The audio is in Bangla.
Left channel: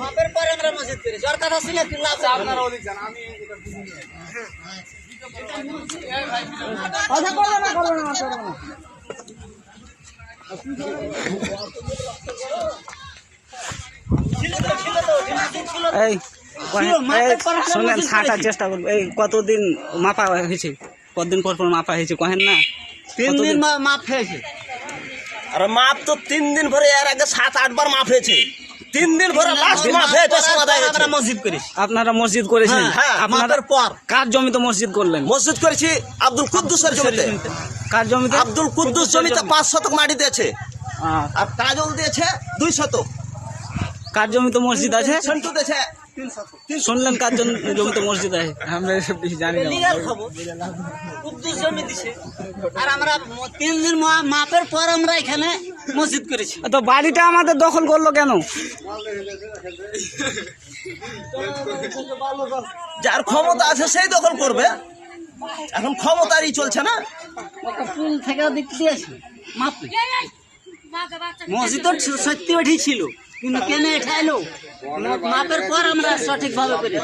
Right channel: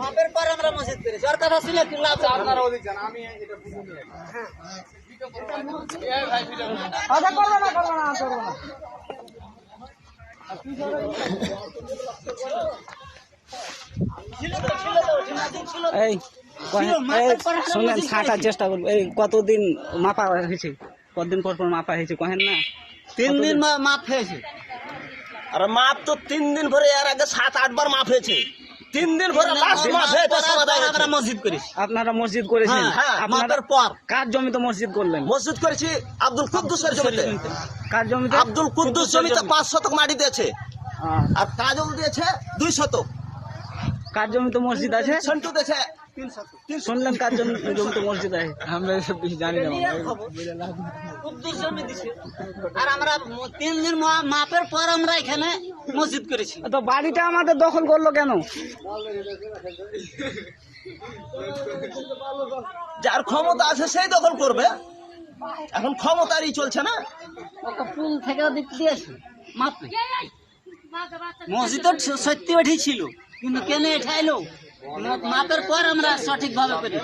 মাপের পর আমরা মসজিদ করি সরকার আসলে কিল্লা আছে আপনারা ওদিক যান আমি এটা করব না শোনেন ছাটার চেষ্টা করবো। এই কতদিন মাপা হয়েছে, কতদিন পর পর মাপা হয়েছে কহেন না? 3 দিন মাপ হয়েছে। আর মাপ তো 3 দিন ভরে, এর আগে 7-8 বার মাপ হয়েছে। 3 দিন ভরে লাস্ট মাপ হয়েছে, সমাধান হয়েছে। আমরা মসজিদ করি। আপনারা মসজিদ করেছেন? হ্যাঁ, আপনাদের পর কার জমিতে মসজিদ করলেন? মসজিদ করেছি আব্দুল কুদ্দুসের জমিতে। কার জমিতে? আব্দুল কুদ্দুস জমিতে 5 শতক মাটি দিয়েছে, আর তাজুল দিয়েছে 2 শতক। কার জমিতে মসজিদ আছে? সন্টু দিয়েছে 3 শতক। শুনলেন কার জমিতে মসজিদ আছে? আমরা এসব কিছু জানি না। লিগাল খাবো কুদ্দুস জমি দিছে, আর আমরা 3 দিন মাপের পর আমরা এখানে মসজিদ করেছি। তো বাড়িটা আমাদের দখল করলো কেন? যার ক্ষমতা আছে সেই দখল করবে। এখন ক্ষমতারই চলছে না। পুল থেকে দিক দিয়ে আসি মাপ মসজিদ তো সত্যি ওঠি ছিল, কিন্তু কেন এটা এলো মাপের পর আমরা সঠিকভাবে করি।